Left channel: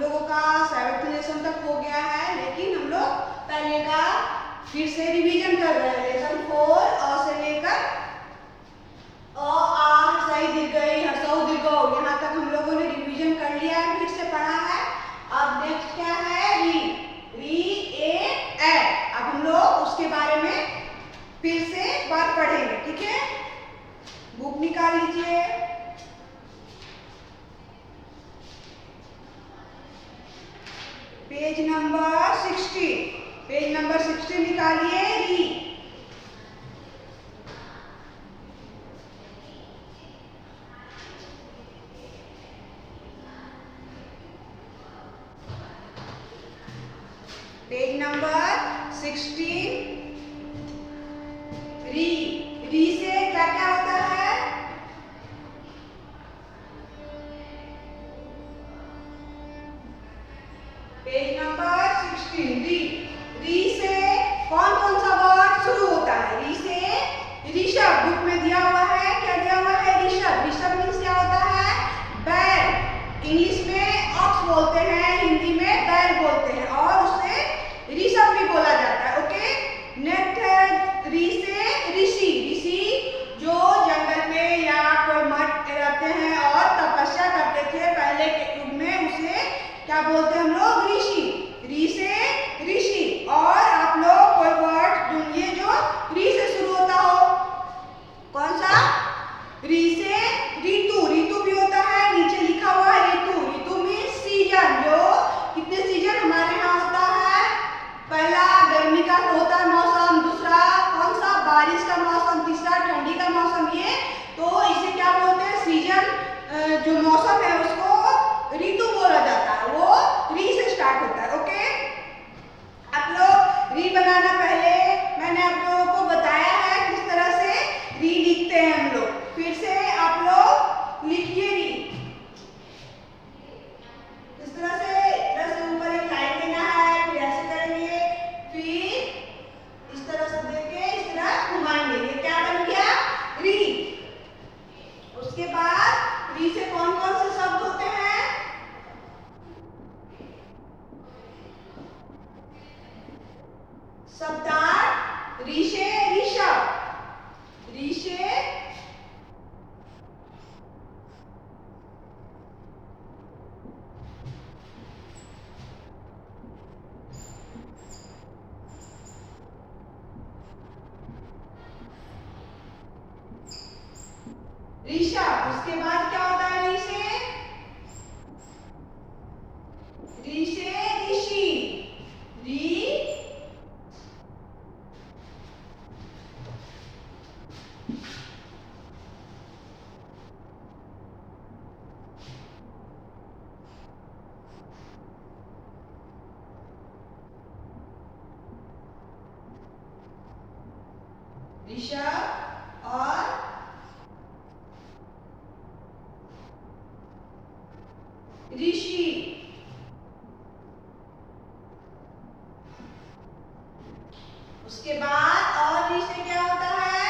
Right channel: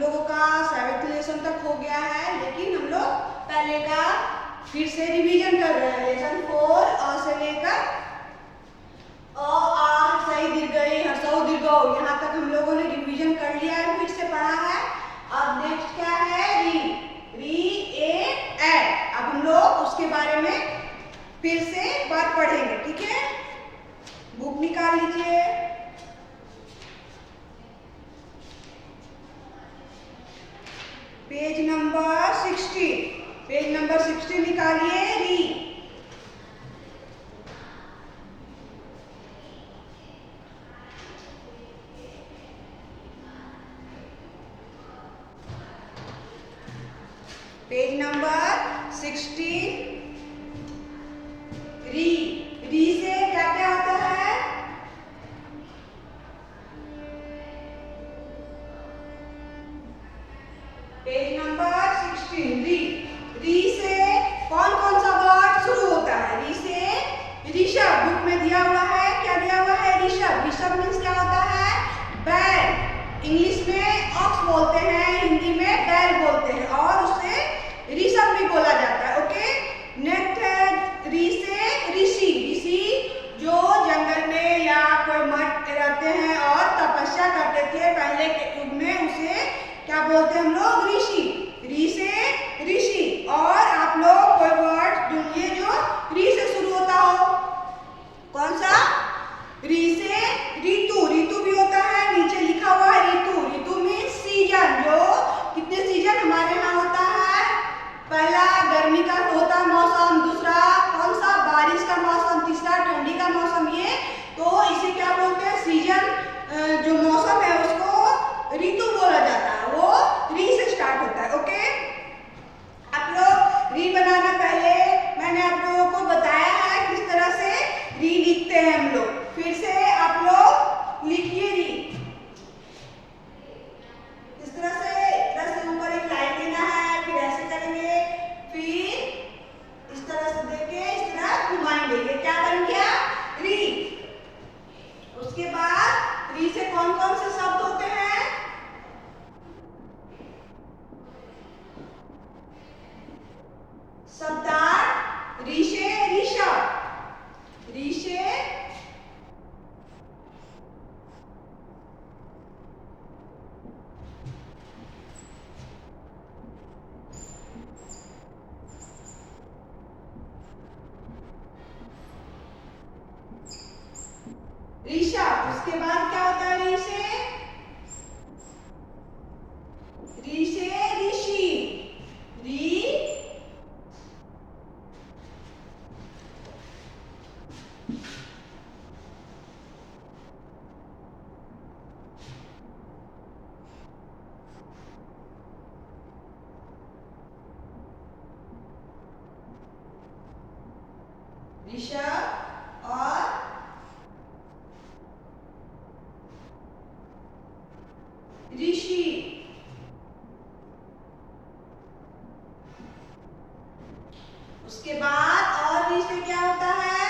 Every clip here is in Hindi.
लोगों का 7th लेसन तक हो गया है, लेकिन हम लोग पहले का फिर से रिवीजन कर रहे हैं। लेसन 4 अ से लेकर अ आ हर्षई दीर्घई हर्षऊ दीर्घऊ यहाँ तक हम लोगों ने रिवीजन कर लिया है, फिर से पढ़ा है। अब नेक्स्ट क्या है, री री ए ए। अब हम लोग उसके बारे में फिर से बात पढ़ेंगे, ठीक है। बुक निकाल लीजिए। पेज नंबर 60 निकालिए। री पेज नंबर 16। री से क्या क्या होता है, पेज नंबर 16। री से कौन कौन सा वर्ड शुरू होता है। री से ऋषभ, बुक में दिया हुआ है, क्या दिया हुआ है, ऋषभ। ऋषभ मीन्स क्या होता है, बैल। इंग्लिश में ऑक्स बोलते हैं, हिंदी में बैल बोलते हैं, और उससे ऋषभ भी बोला जाता है। ओके, नेक्स्ट है री से ऋषि। ऋषि जो जंगल में या कोई मठ रहते हैं और तपस्या करते थे पहले के युग में, उसे क्या बोलते हैं हम लोग, ऋषि। री से ऋषि। और आप लोग कोई वर्ड ढूंढिए जो री से शुरू होता हो। कौन सा, री से ऋतु। ऋतु भी होता है, नीचे लिखा हुआ है ऋतु। ऋतु मीन्स सीजन। जो कितने सीजन हमारे यहाँ होता है, पहला गर्मी का होता है मौसम, दूसरा कौन सा, बारिश का मौसम, तीसरा ठंडी का मौसम। ये तो इसे क्या बोलते हैं, सीजन। जो मौसम है उसको ऋतु बोला जाता है, वो री से स्टार्ट होता है। ओके, आप लोग री बनाना पहले मैंने आप लोगों को बताया है किस तरह से री लिखते हैं हम लोग। फिर से आप लोग लिखिए री इस तरह से ऊपर एक लाइन देना है, फिर ऐसे करेंगे, फिर इस तरह से देके इस तरह घुमाएंगे। ये क्या बन गया, री। उसके बाद री से कौन कौन से शब्द होते हैं, शब्दार्थ। री से ऋषभ, री से ऋषभ। उसके बाद क्या होता है, री से ऋषि। री ऋषभ और ऋषि। उसके बाद और री से क्या होता है,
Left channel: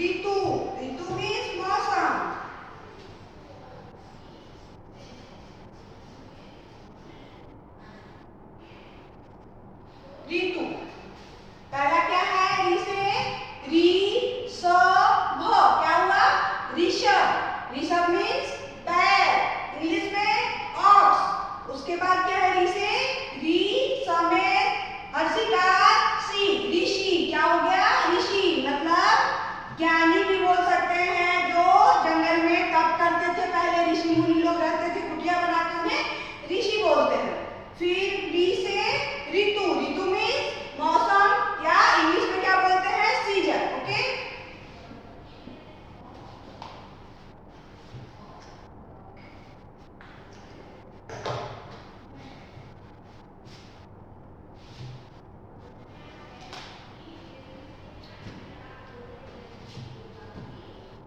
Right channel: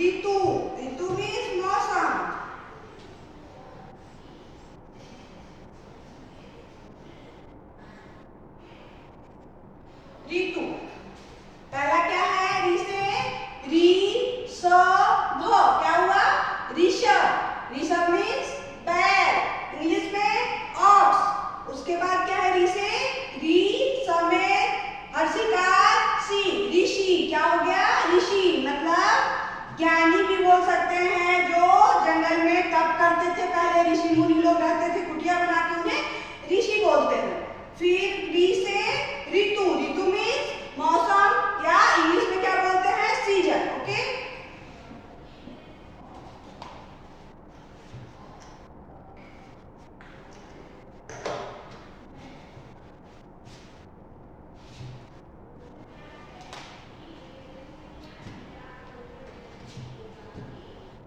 ऋतु। ऋतु मीन्स मौसम। ऋतु पहला क्या है, री से ऋषभ। क्या हुआ, ऋषभ। ऋषभ मीन्स बैल, इंग्लिश में ऑक्स। उसके बाद क्या है, री से री समेत हर्षिकार सी, ऋषि। क्या हो गया, ऋषि। मतलब ज्ञानी भी बोल सकते हैं, जो जंगल में तप करते थे पहले, ऋषि मुनि लोग रहते थे, कुटिया बना के उन्हें ऋषि बोलते हैं। फिर री से ऋतु। ऋतु मीन्स मौसम, या इंग्लिश में क्या बोलते हैं, सीजन। ओके,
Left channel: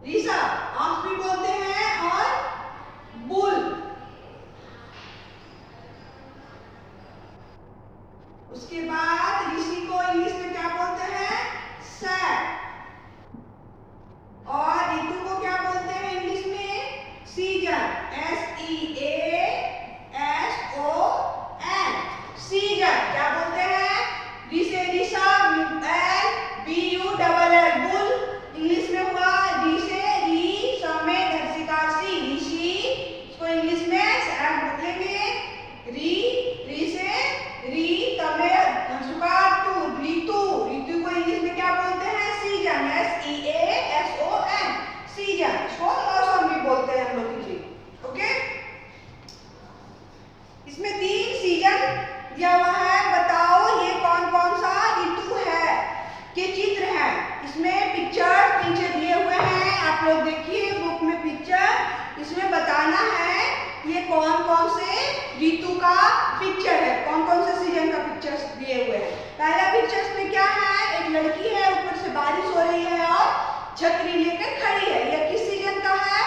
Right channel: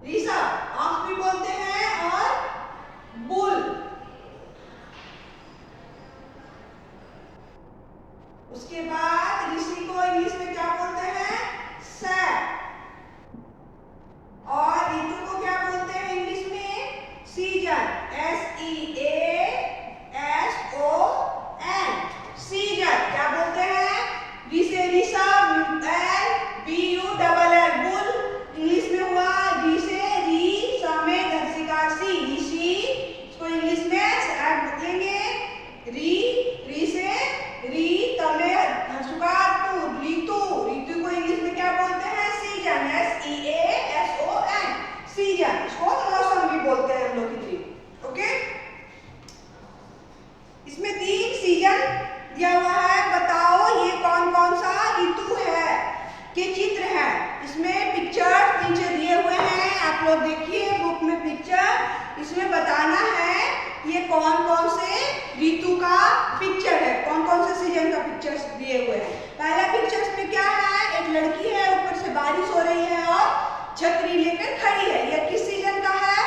ऋषभ ऑक्स भी बोलते हैं, और बुल। उसके बाद ऋषि को इंग्लिश में क्या बोलते हैं, सैप। और ऋतु को क्या बोलते हैं इंग्लिश में, सीजन, SEASON। री, री से री तमे हंसुकातु ऋतु, ऋतु को इंग्लिश में क्या बोलते हैं? Season, SEASON, season. इसको मौसम भी बोलते हैं हम लोग हिंदी। ओके, इसमें 3 सीजन दिया हुआ है। बताओ ये कौन कौन सा ऋतु है के चित्र हैं। इसमें पिक्चर नीचे दिए हुए हैं, आप लोग देखिए बुक में पिक्चर। इसमें बताना है ये कौन कौन से ऋतु का पिक्चर है, कौन कौन से सीजन का पिक्चर दिए हुए हैं। पहला पिक्चर में क्या है? एक लड़की है, ऊपर से बारिश हो रही है और छतरी लेकर खड़ी है। यह किस सीजन का है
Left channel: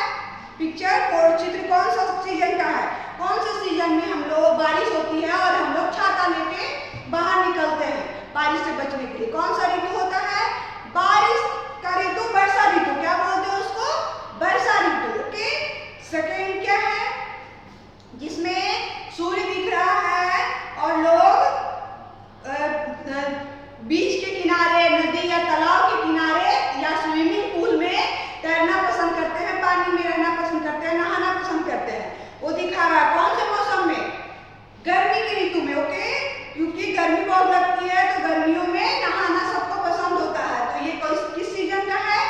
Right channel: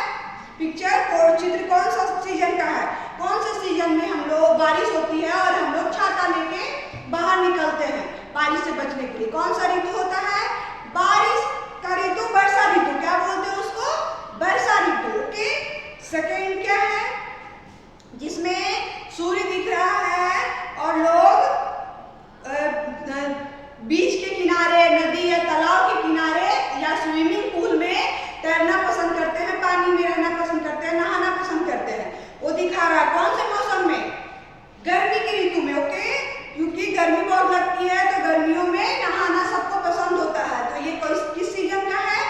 पिक्चर? और चित्र कौन सा सीजन का है? कौन से सीजन में हम लोग बारिश होती है और हम लोग छाता लेके बाहर निकलते हैं बारिश से बचने के लिए? कौन सा ऋतु होता है? बारिश का ऋतु, वर्षा ऋतु। क्या बोलते हैं उसको? वर्षा ऋतु। ओके, सेकेंड क्या है? जिसमें सूर्य दिख रहा है और लोग बीच के किनारे, नदी या तालाब के किनारे या स्विमिंग पूल में तैरना पसंद करते हैं, पानी में रहना पसंद करते हैं, नहाना पसंद करते हैं। वो दिखा रहा है कौन से मौसम में? गर्मी की ऋतु में। ओके, क्योंकि गर्मी बहुत लगती है तो गर्मियों में नहाना सबको पसंद होता है। तो ये किस सीजन का है?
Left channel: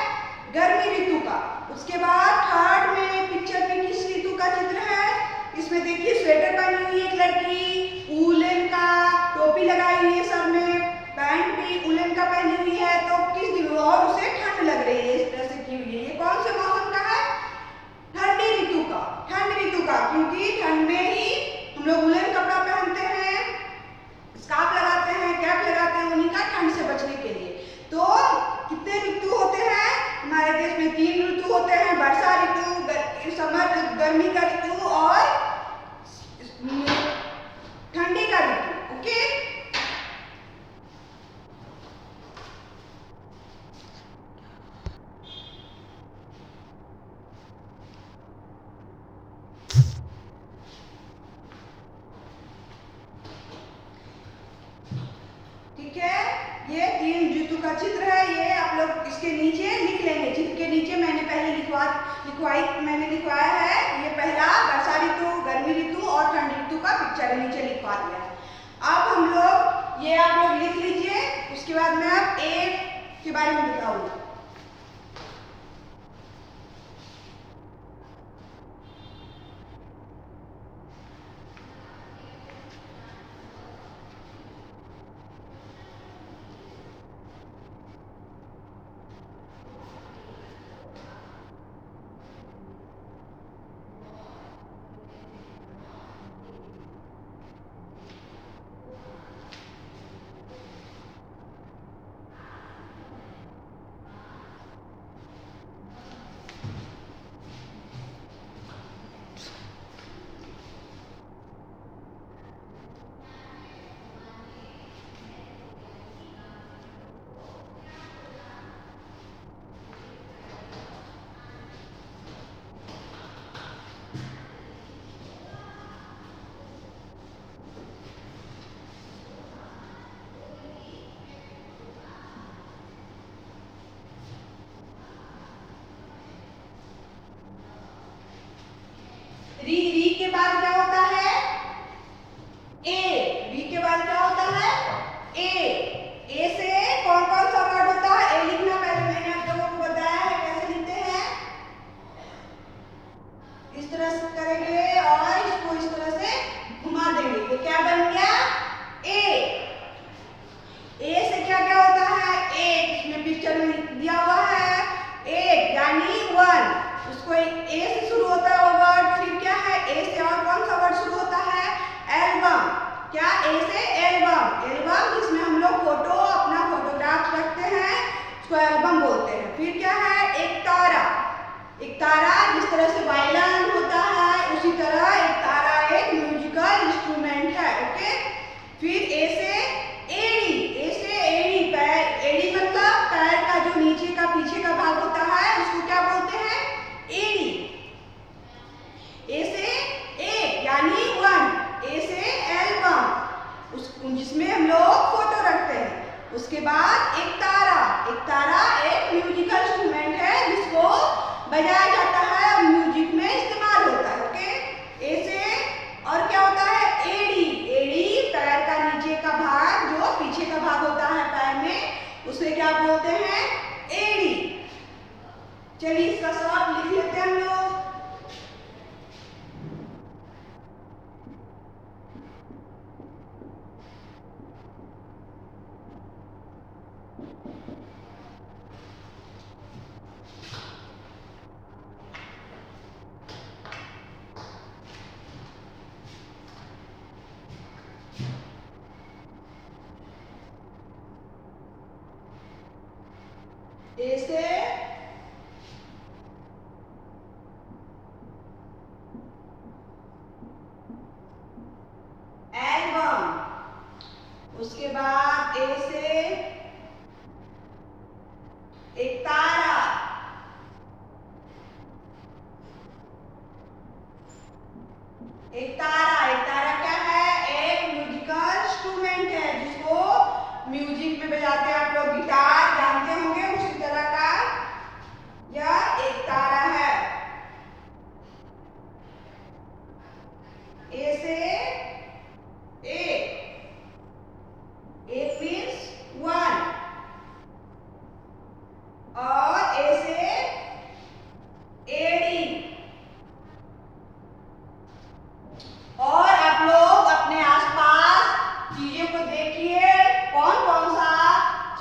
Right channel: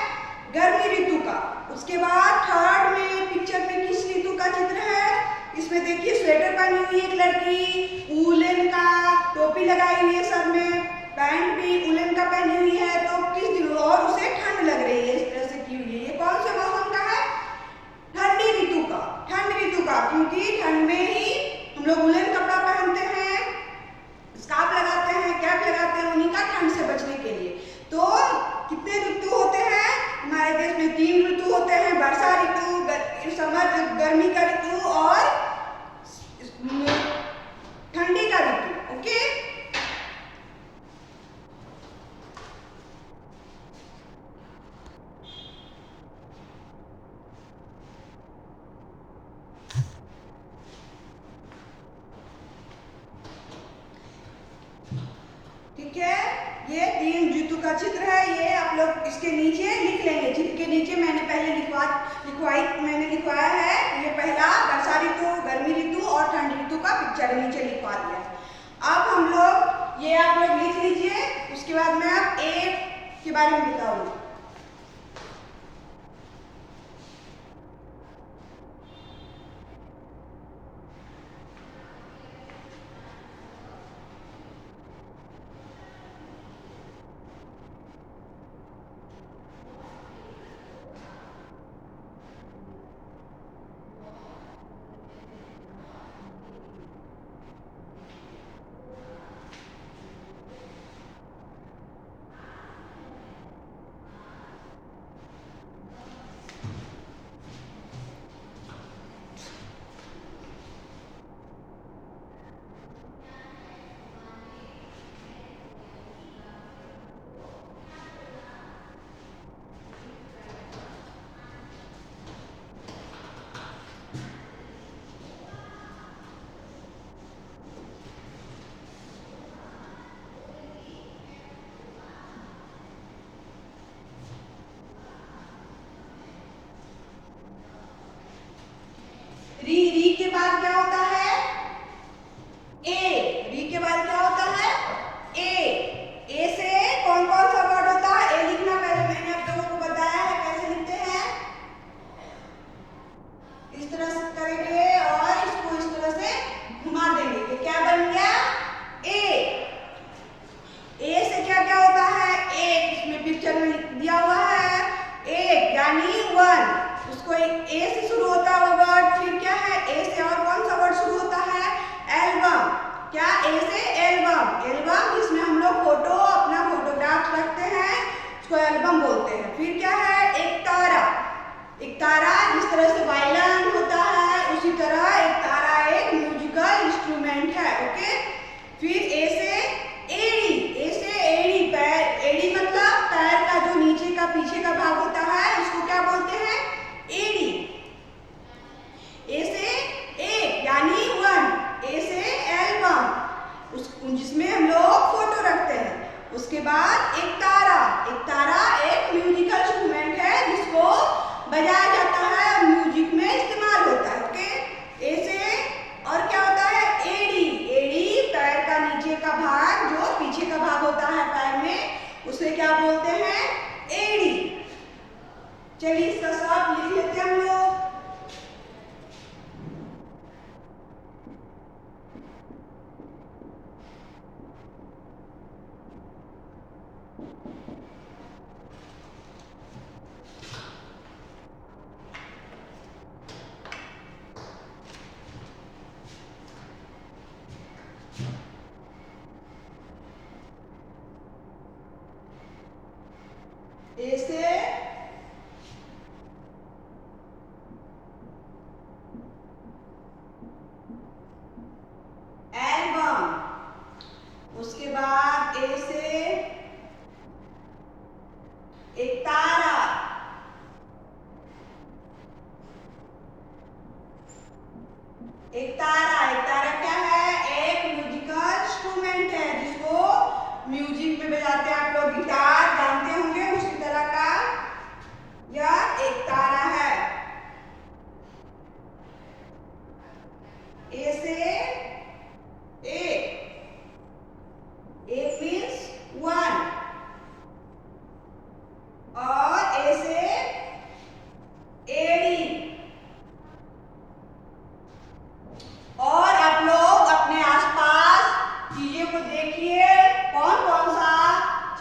गर्मी ऋतु का। उसके बाद थर्ड में पिक्चर में किस ऋतु का चित्र है? इसमें देखिए स्वेटर पहनी हुई है एक लड़की, उलन का टोपी लगाई हुई है सर में, पैंट भी उलन का पहनी हुई है। तो किस दिन और उसे ठंड लग रही है, इस तरह से की हुई है। ये कौन से मौसम का है? ठंडी ऋतु का। ठंड ऋतु का, क्योंकि ठंड में ही हम लोग उलन कपड़ा पहनते हैं, स्कार्फ लगाते हैं, कैप लगाते हैं, उन्हीं का ठंड से बचने के लिए। तो कितने ऋतु होते हैं हमारे देश में? 3 ऋतु होते हैं, वर्षा ऋतु, समर गर्मी का ऋतु और ठंडी का ऋतु। ओके, ठीक है, ये 3 ऋतु का चित्र है। ये आप लोग इसके नीचे लिख लेंगे। चित्र के नीचे मैंने पहले लिखवाया है। ये पहला वर्षा ऋतु, गर्मी ऋतु और ठंड ऋतु का पिक्चर है, नीचे लिखवा दिया है। अब हम लोग ये आप लोग लिख लीजिए। उसके बाद मैं अब ए के बारे में बताऊंगी। री के बाद क्या होता है? ए। री के बाद क्या होता है? ए से कौन कौन सा वर्ड होता है? ए लिखना पहले मैंने आप लोगों को बताया है कैसे लिखते हैं। इस तरह से करेंगे और इसको इस तरह से घुमा देंगे। तो क्या बन गया? ए से क्या क्या होता है? एक, इसमें पिक्चर में दिया हुआ है एक, यानी 1। उसको ए से शुरू होता है वो वर्ड। फिर क्या है? ए से और कौन सा वर्ड शुरू होता है? एल्बम। क्या? ए से एल्बम। एल्बम जिसमें हम लोग फोटो, अपना फोटोग्राफ रखते हैं, उसको एल्बम बोलते हैं। फिर क्या है? एक तारा। एक तारा जिस तरह से वायलिन होता है उसी तरह एक तारा एक म्यूजिकल इंस्ट्रूमेंट है। ओके, फिर ए से एड़ी। ए से एड़ी, पैर। एड़ी मतलब पैर का जो नीचे का पीछे का भाग होता है उसको क्या बोलते हैं? एड़ी। ए से एक यानी 1। ए से एल्बम, जिसमें हम लोग फोटो रखते हैं। उसके बाद एक तारा। एक तारा एक म्यूजिकल इंस्ट्रूमेंट है जिसको बजाया जाता है और म्यूजिक में इस्तेमाल होता है। ओके, उसे क्या बोलते हैं? एड़ी। चलिए इसका सब लिख लेते हैं हम लोग। ए से एल्बम, उसके बाद ए से एक तारा, एक तारा क्या है? एक म्यूजिकल इंस्ट्रूमेंट है जिसको म्यूजिक में बजाते हैं। आप लोग गिटार जानते होंगे, उसी तरह का यह एक तारा है। ए से एक मीन्स वन, और ए से एडी। और आप लोग अपने आसपास चीजों को देखिए, कौन कौन सा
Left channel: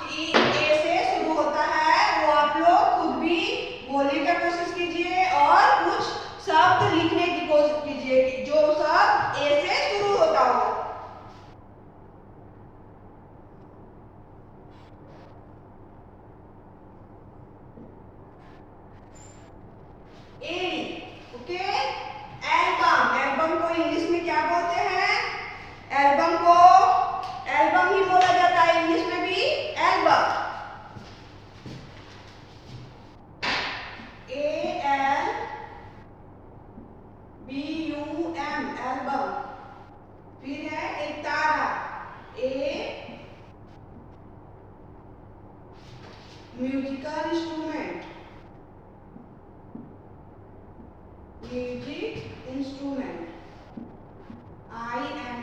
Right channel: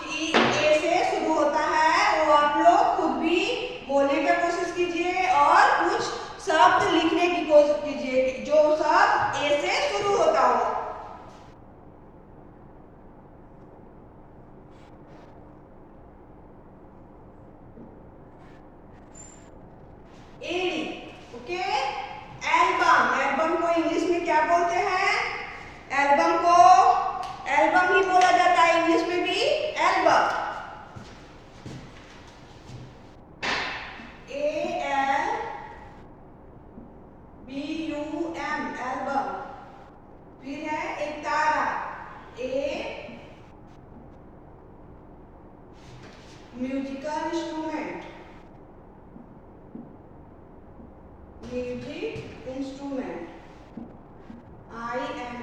चीज ए से शुरू होता है, वो आप लोग खुद भी बोलने की कोशिश कीजिए और कुछ शब्द लिखने की कोशिश कीजिए जो शब्द ए से शुरू होता हो। एडी, ओके। एल्बम को इंग्लिश में क्या बोलते हैं? एल्बम को एल्बम ही बोला जाता है, इंग्लिश में भी एल्बम। ALBUM, album. फिर है एक तारा, a musical instrument, music instrument, INSTRUMENT,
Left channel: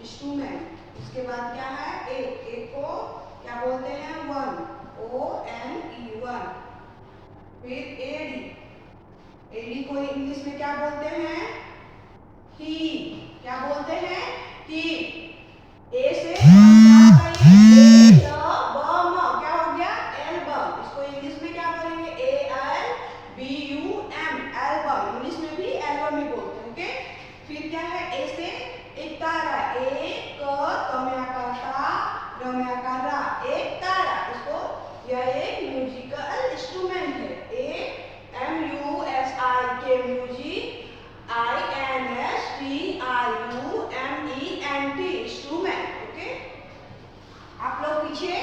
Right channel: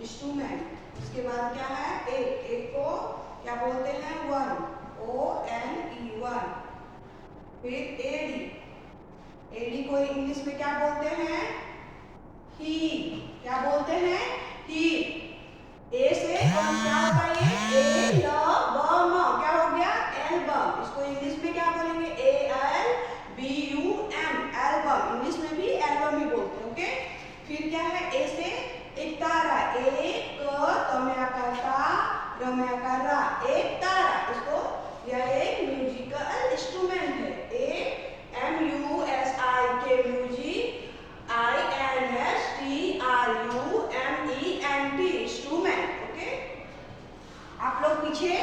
instrument. उसके बाद क्या है? एक को क्या बोलते हैं? One, ONE, one. फिर एडी को इंग्लिश में क्या बोलते हैं? ही, क्या बोलते हैं? ही। ए से क्या होता है? एल्बम, क्या हो गया? एल्बम। इसको इंग्लिश में क्या बोलेंगे? ALBUM, album. इंग्लिश में भी एल्बम ही बोलते हैं, ओके। फिर क्या है? ए से एक तारा, एक रम्याकारा, एक तारा। इसको यह एक म्यूजिकल इंस्ट्रूमेंट है। MUSIK, music, INSTRUMENT, instrument, okay. आप लोग पीछे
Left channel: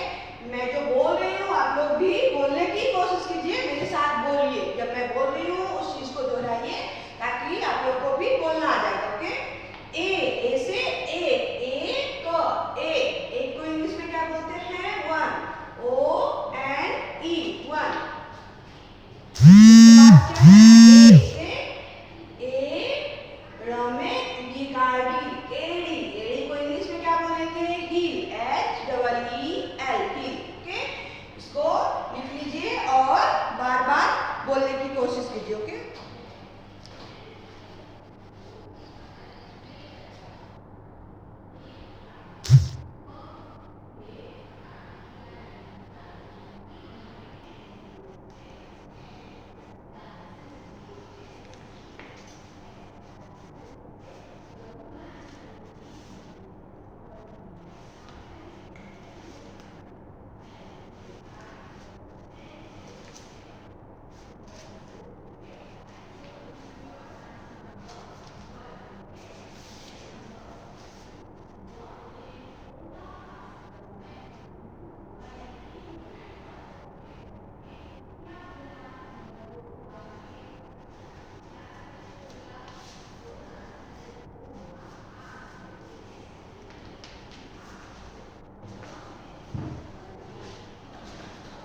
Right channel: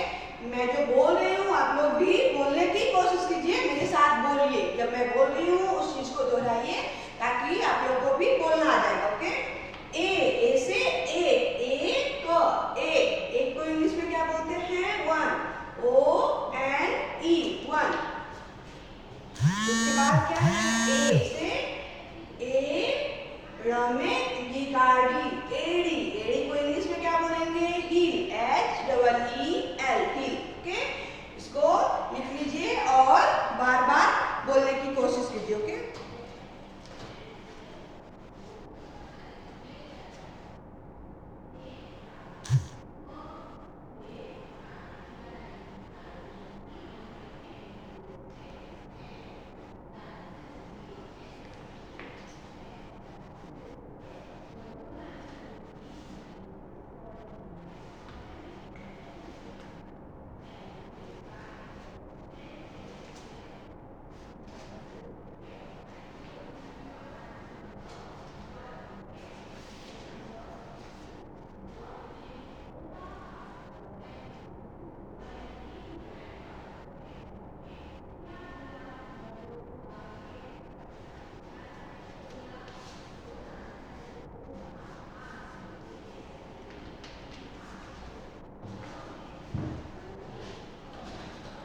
मैं जो बोल रही हूँ आप लोग भी बोलने की कोशिश कीजिए, मेरे साथ बोलिए। जब मैं बोल रही हूँ उस चीज को दोहराइए ताकि आप लोग को भी बोलना आ जाएगा, ओके। ए से एक को इंग्लिश में क्या बोलते हैं? One, ONE, one. उसके बाद क्या है? ए से एड़ी को इंग्लिश में क्या बोलेंगे? Heel, HEEL, heel, okay. इसको लिख लीजिए और बार बार बोलने की कोशिश कीजिए, ओके।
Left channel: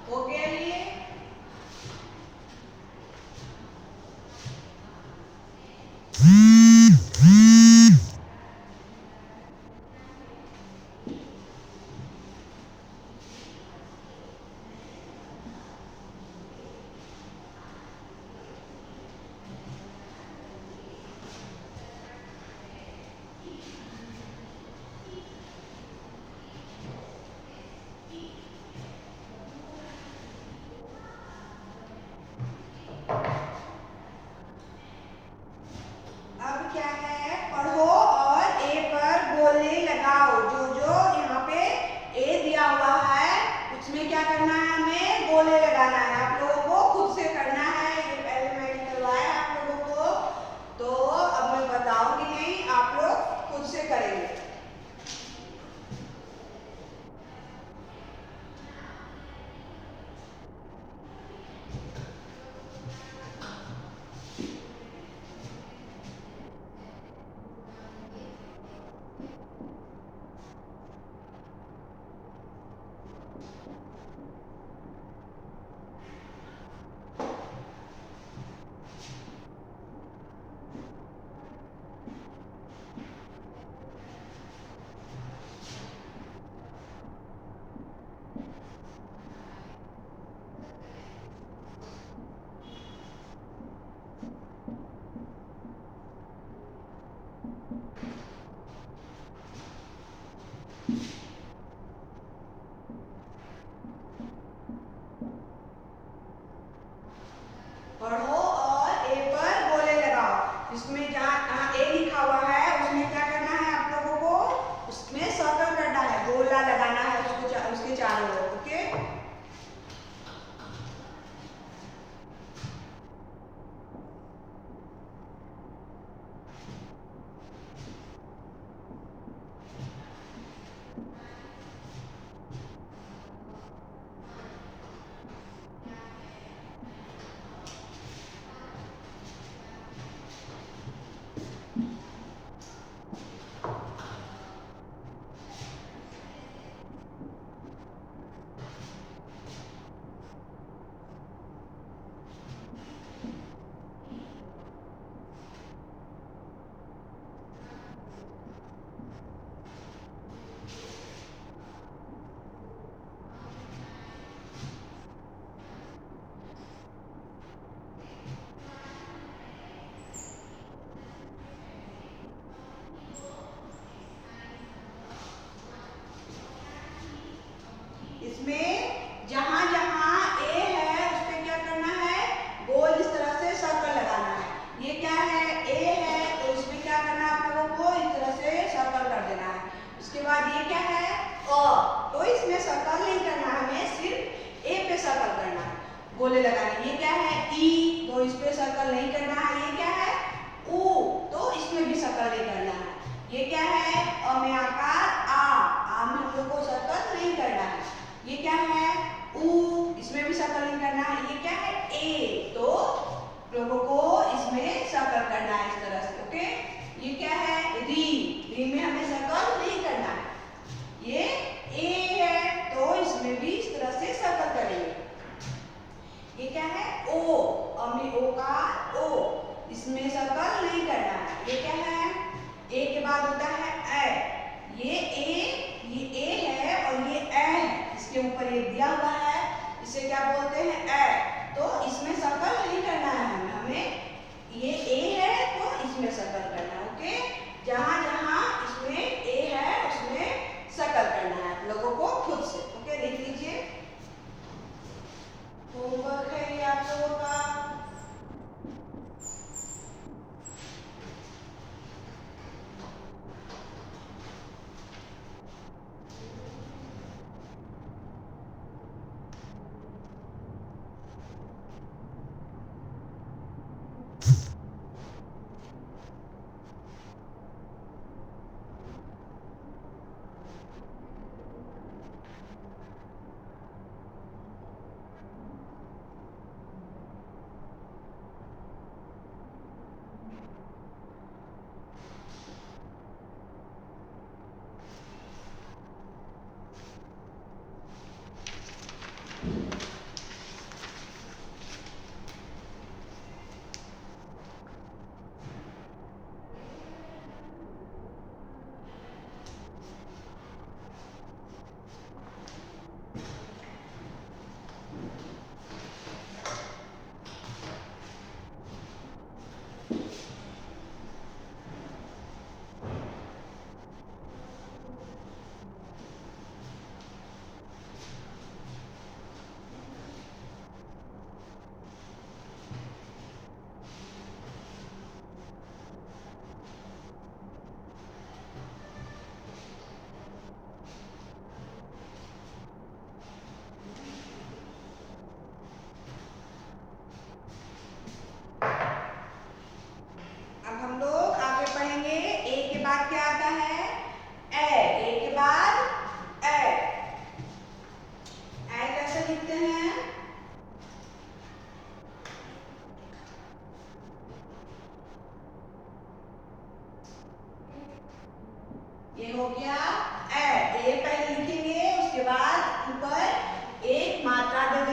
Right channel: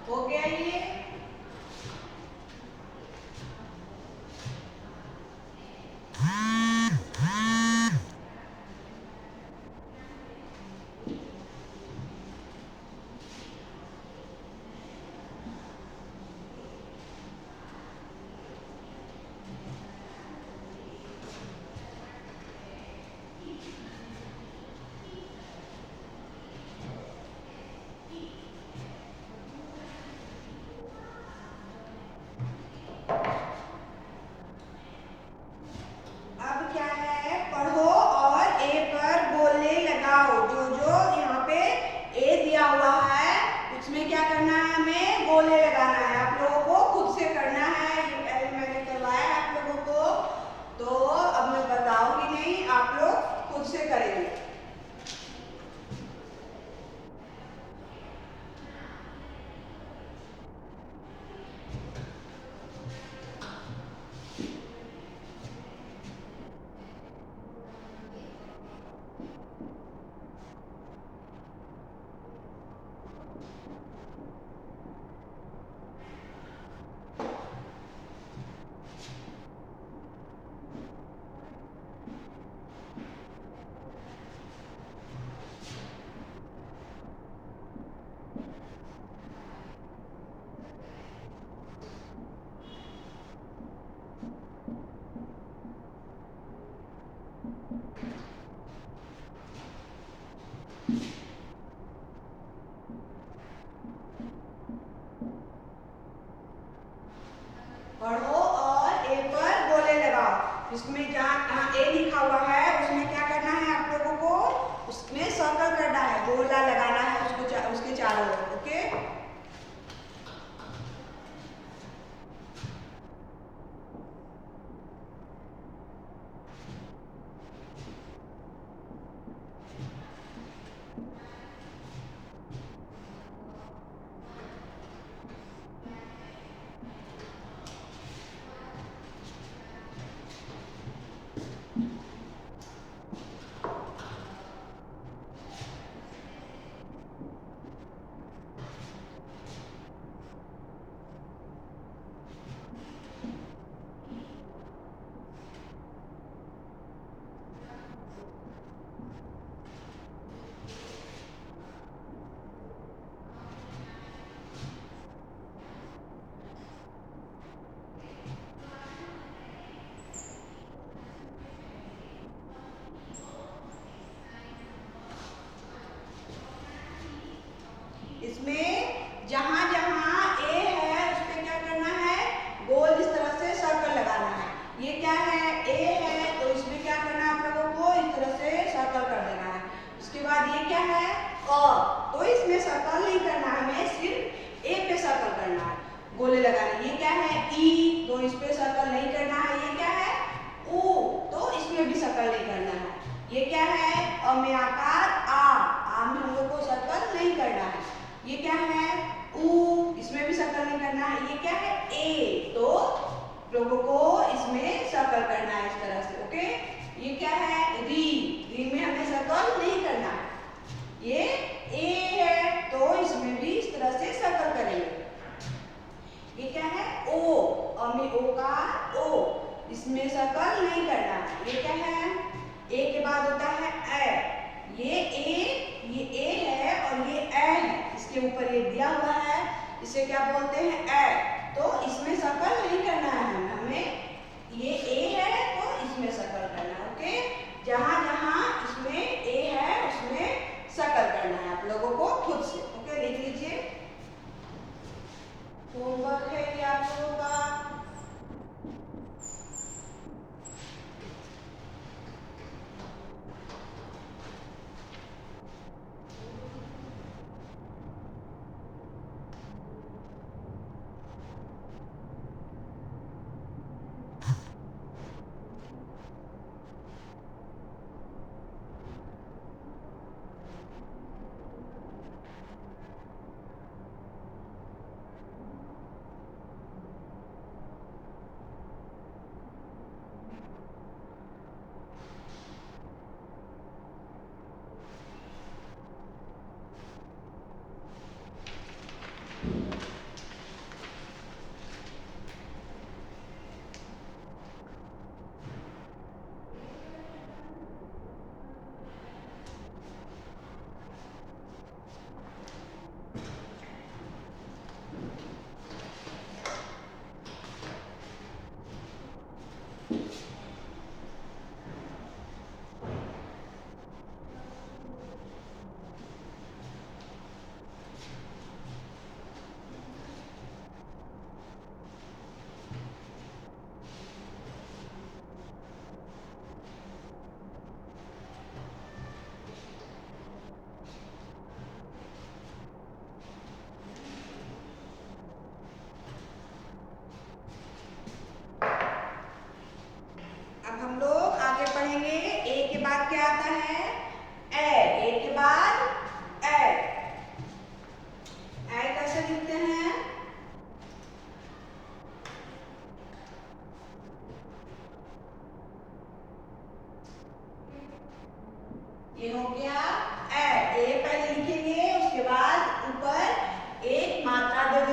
हो गया ये? करना है, हमें गोले लगाना है। आप लोगों को खुद से करना है, ये पहले मैंने करवाया आप लोगों को, तो अब मैं बताऊंगी नहीं, आप लोग खुद से करेंगे। पढ़ो और ए पर गोले लगाओ। इसमें जहाँ ए लिखा हुआ है उसमें क्या करना है आप लोगों को, उसमें सर्कल करना है, गोला लगाना है उसको, उसके चारों ओर। ओके, इसमें जहां जहां ए है उस पे क्या करना है, गोल इस तरह से सर्कल लगाना है। ये क्या है, ए है, तो इसमें क्या करना है आप लोगों को, इस तरह से सर्कल कर देना है। उसके बाद ये क्या है, अ, तो इसमें सर्कल नहीं करना है, हमें सिर्फ ए पे सर्कल करना है, गोले लगाने। ये क्या है, ई, तो इस पे सर्कल नहीं करना है। ये क्या है, ऊ, तो इसमें भी सर्कल नहीं करना है। ये क्या है, अ में आकार आ में हम लोग को सर्कल नहीं करना है। ये क्या है, ऊ, इसमें भी सर्कल नहीं करना है। ये क्या है, ए, तो लोगों को इसमें सर्कल करना है इस तरह से। ओके, ये क्या है, री, री में हमें सर्कल नहीं करना है। ये ए है, तो इसमें भी इस तरह से सर्कल करेंगे। ये क्या है, ओ, अ में ओ का ओ, इसमें सर्कल नहीं करना है। ये क्या है, ए के बाद होता है ए, ये ए है और ये ए है, इसके ऊपर ये दिया हुआ है, इसे क्या बोलते हैं, ए, तो इसमें सर्कल नहीं करना है हमें। ये ए है तो इसमें सर्कल करना है। ओके, जहां जहां इसमें ए है उसमें सर्कल करना है आप लोगों को खुद से। ओके, लिख लीजिए, होमवर्क है ये आप लोगों का।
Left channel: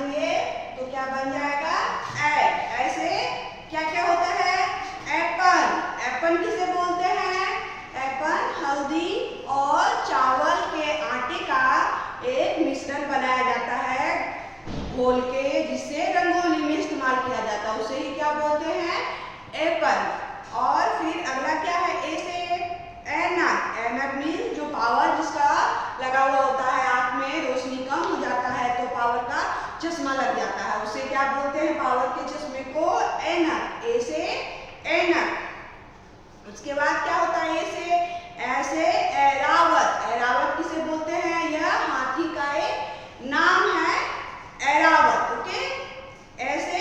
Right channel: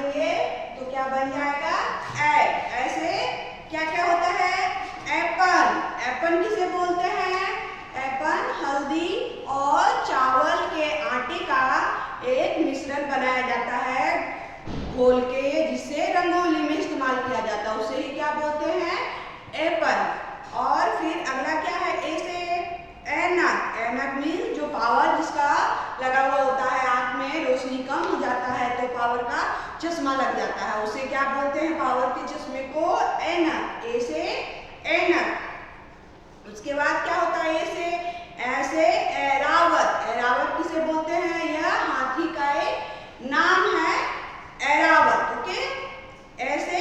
देंगे तो क्या बन जाएगा? ए। ऐसे क्या क्या होता है? एपन। एपन किसे बोलते हैं? एपन हल्दी और चावल के आटे का एक मिश्रण बनाया जाता है घोल के, जिससे रंगोली में इस्तेमाल किया जाता है, उसे ही क्या बोलते हैं? एपन। और फिर अगला क्या है? ए से ऐनक। ऐनक मीन्स जो पावर जिसका लगा हुआ होता है, आँख में रोशनी कम हो जाता है तो पावर का चश्मा लग जाता है, उसे क्या बोलते हैं? पावर के चश्मे को ऐनक। ए से ऐनक। उसके बाद क्या होता है? ए से ऐसे ऐरावत। ऐरावत किसे बोलते हैं? यह हाथी का एक नाम है, ऐरावत। ओके, ऐसे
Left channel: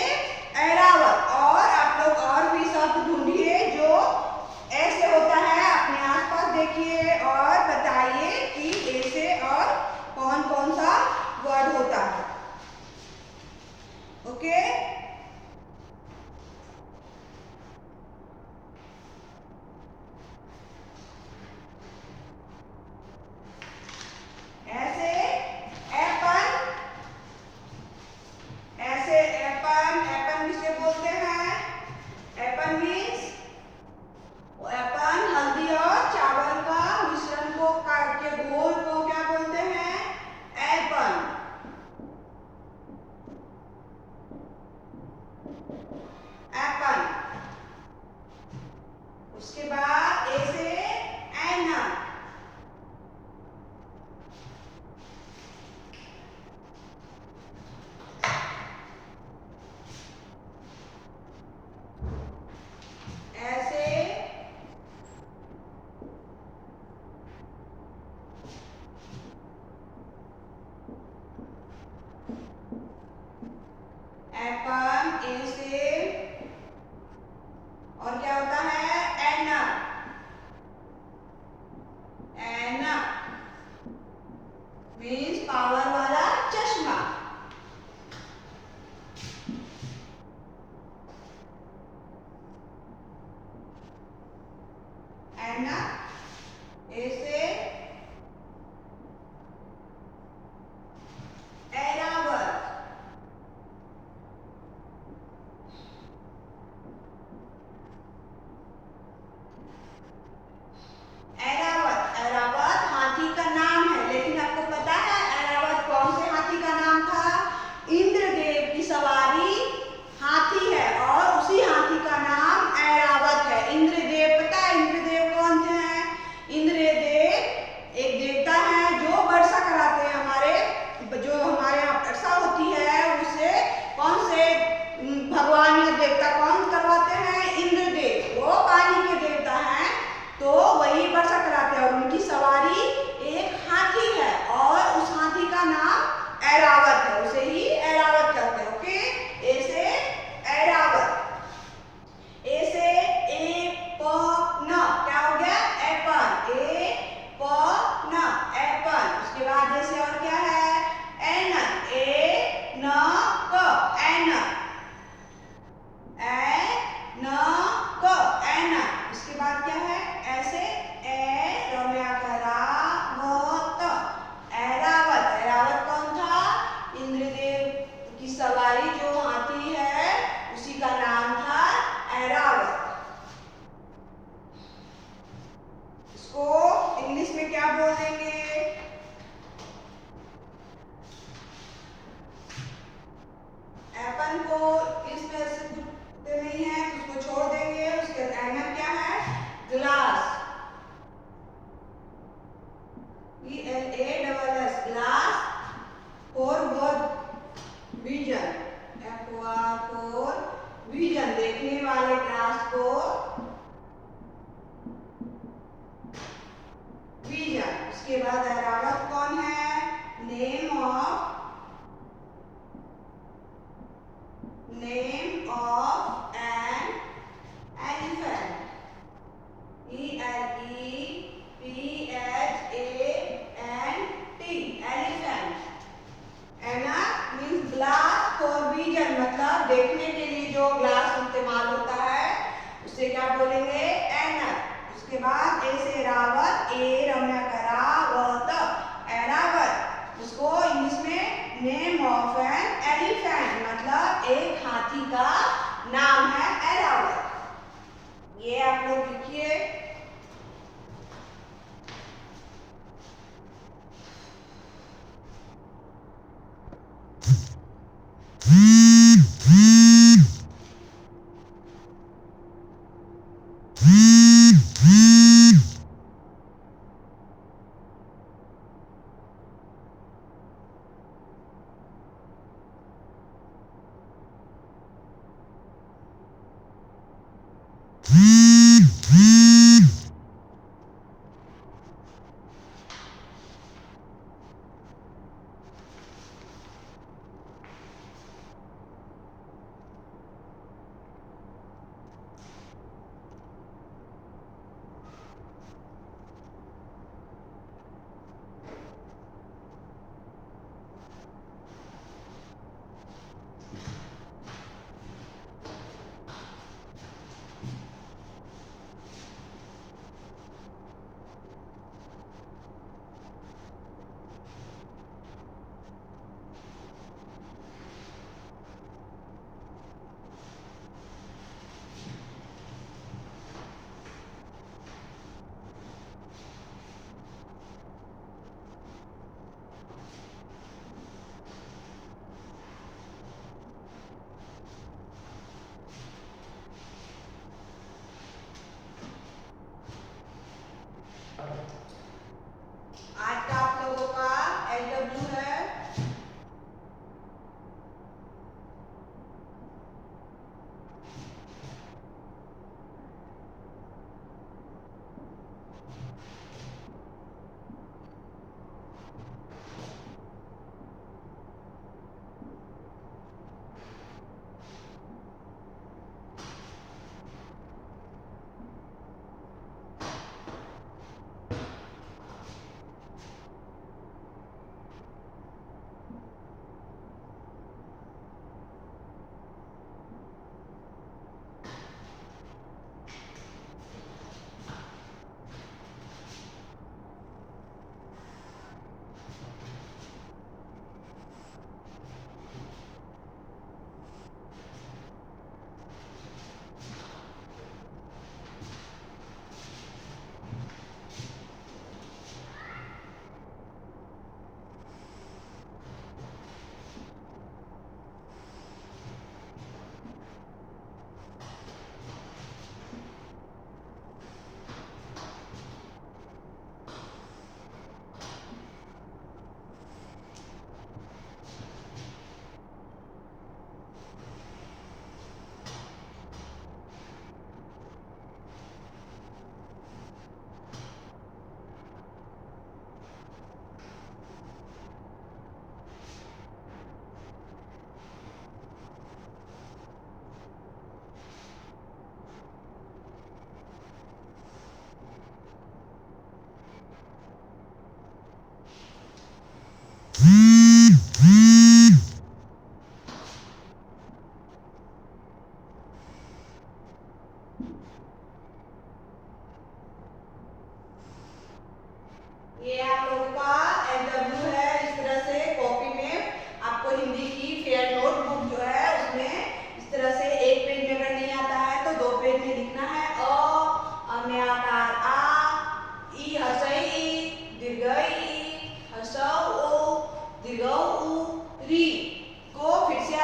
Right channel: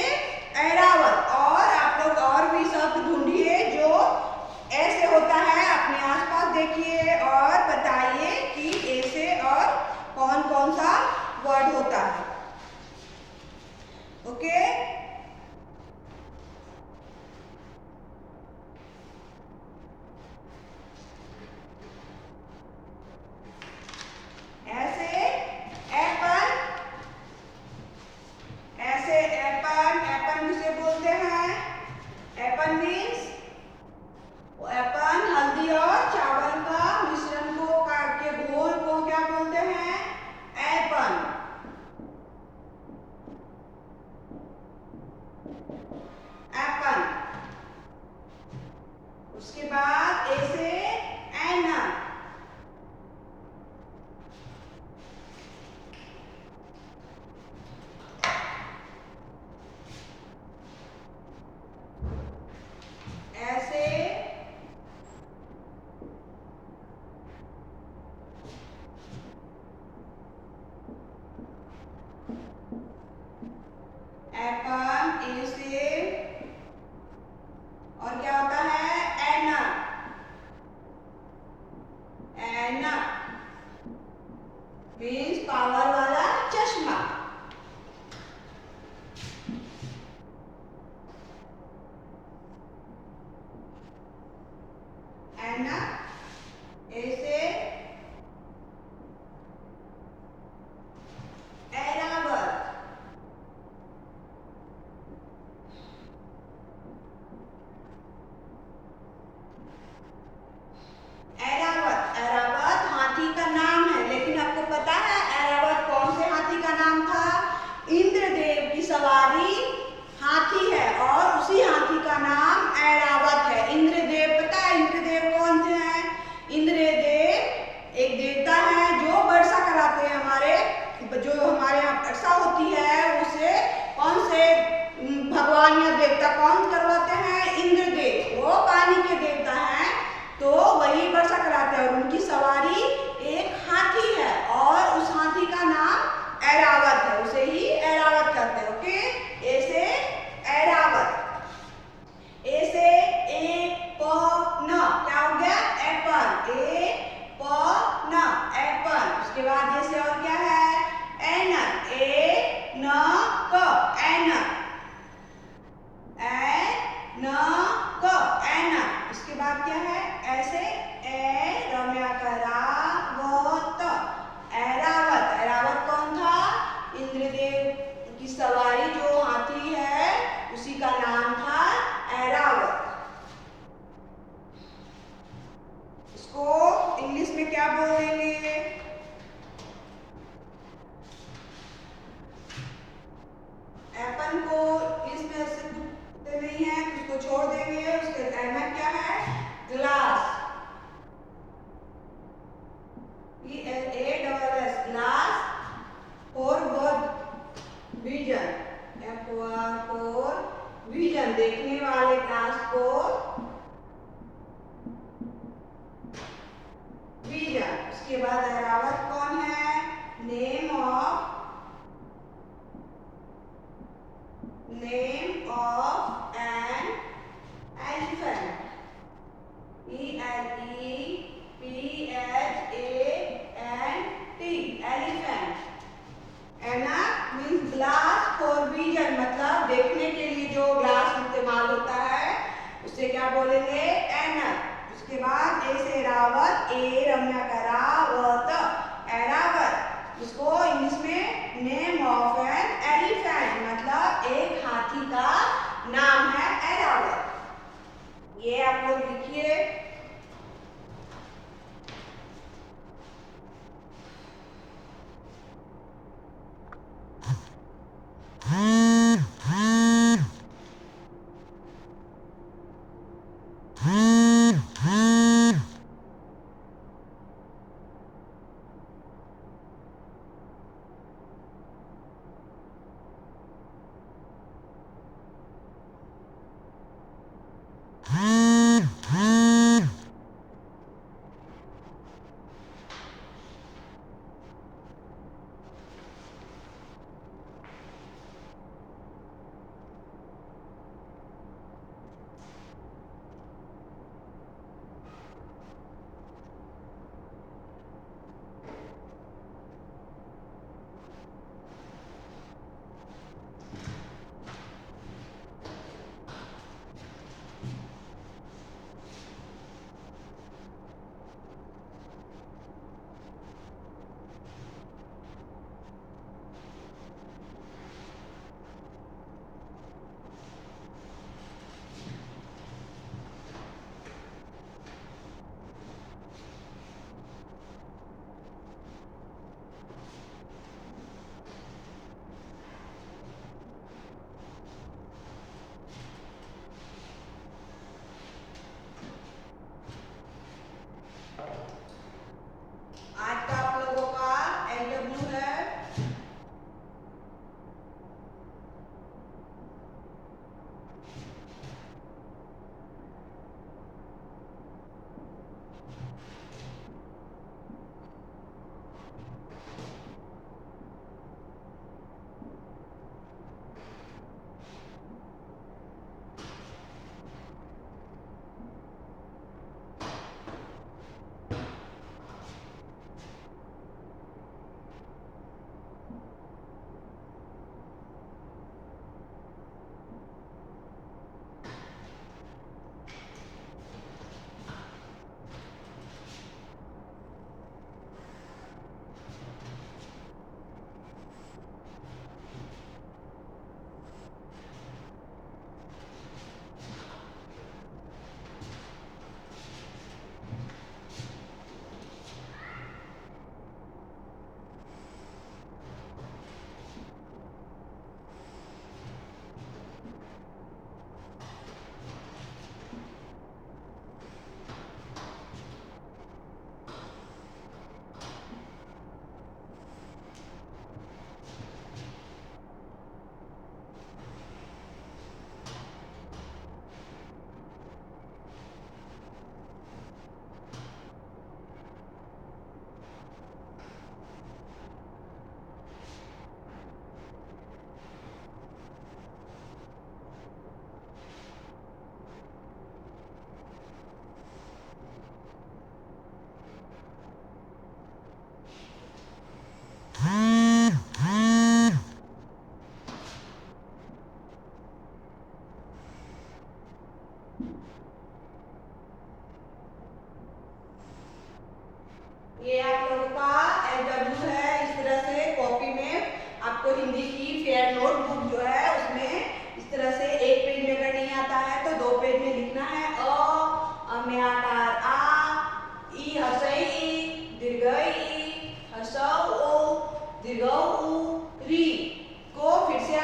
ऐरावत। और आप लोग और भी शब्द ढूंढिए जो ऐसे होता है, अपने आसपास देखिए और बताइए कि ऐसे और कौन कौन सा वर्ड होता है। ओके, ऐसे एप्पल। ऐसे एप्पल। एप्पल किसे बोलते हैं? एप्पल मीन्स एप्पल हल्दी और चावल का मिश्रण को काट के घोल को क्या बोलते हैं? एप्पल। एप्पल। उसके बाद ए से ऐनक। ऐसे एप्पल। ए से और क्या होता है? ऐनक। ऐनक मीन्स पावर वाला चश्मा। ऐनक। ए से ऐरावत। ऐरावत। ऐरावत हाथी का नाम है, लेकिन आपको पता है ऐरावत कौन से हाथी का नाम था? इंद्रदेव की सवारी हाथी है और उसी हाथी का नाम ऐरावत है। इंद्रदेव, पता है इंद्रदेव कौन थे? हैं इंद्रदेव एक देवता है जो वर्षा कराते हैं हमारे, जो हमारे यहाँ वर्षा होती है उसे कौन से भगवान या देवता कौन करवाते हैं? इंद्रदेव। वो पानी के देवता हैं तो वही वर्षा कराते हैं और उनकी सवारी एक हाथी है और उस हाथी का नाम ऐरावत है, उसे ही ऐरावत कहते हैं। ओके, ए से ऐरावत। ए से एपन। क्या हो गया? एप्पल। एपन एप्पल। उसके बाद ए से और क्या है? ऐनक। ऐनक। ऐनक। ऐनक। ऐनक। इसके बाद क्या है? ऐसे ए रम्याकरावत। ऐरावत। ऐरावत कौन था? इंद्रदेव की सवारी जो हाथी है उसी का नाम था ऐरावत। इसको इंग्लिश में क्या बोल देंगे? एप्पल को इंग्लिश में ऐसे नहीं है, उसको छोड़ देंगे। उसके ऐनक क्या है? Glass. ELASS glass. For vision. For vision, देखने वाले ग्लास को विजन। उसके बाद ऐरावत कौन है? Name of an elephant. ELEPHANT elephant. ऐनक मीन्स ग्लास फॉर विजन, मतलब देखने के लिए जो ग्लास इस्तेमाल होता है उसे क्या बोलेंगे? ऐनक। उसके बाद ए से ऐरावत। ए रम्याकरावत। ऐरावत। उसको इंग्लिश में नेम ऑफ एन एलिफेंट।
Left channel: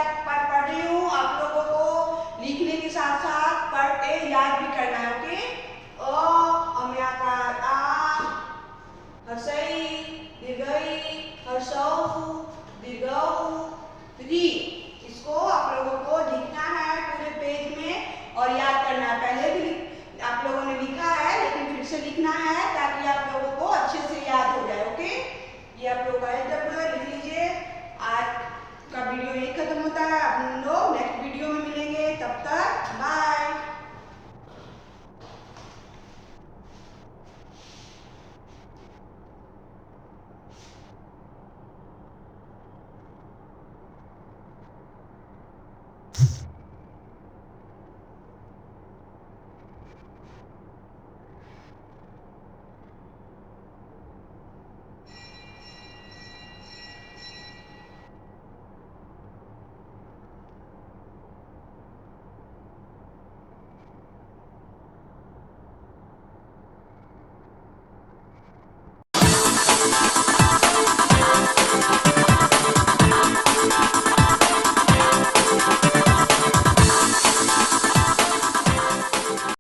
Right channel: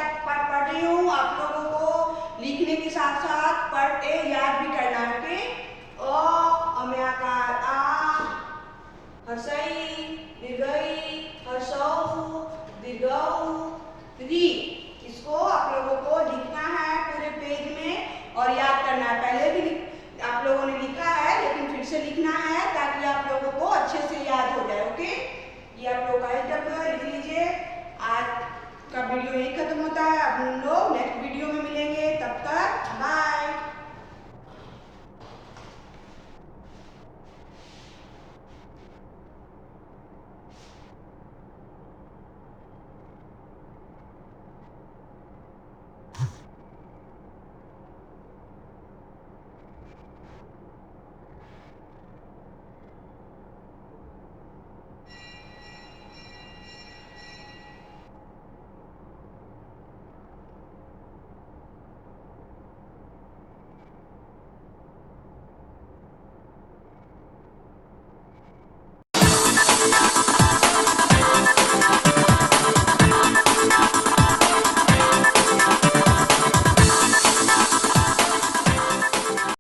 पढ़ रही हूँ, आप लोगों को लिखने के साथ साथ पढ़ते याद भी करना है। ओके, अम्याकार आ, हर्षई, दीर्घई, हर्षौ, दीर्घौ, री। इसको आप लोगों को लिखना है पूरे पेज में और याद करना है। पहले भी आप लोगों ने लिखा है लेकिन फिर से लिखना है ताकि आप लोगों को अच्छे से याद हो जाए। ओके, ये आप लोग का एल्जेब्रा लिख लीजिए। आज का वीडियो यही खत्म होता है। अब हम लोग नेक्स्ट वीडियो में मिलेंगे, तब तक बाय।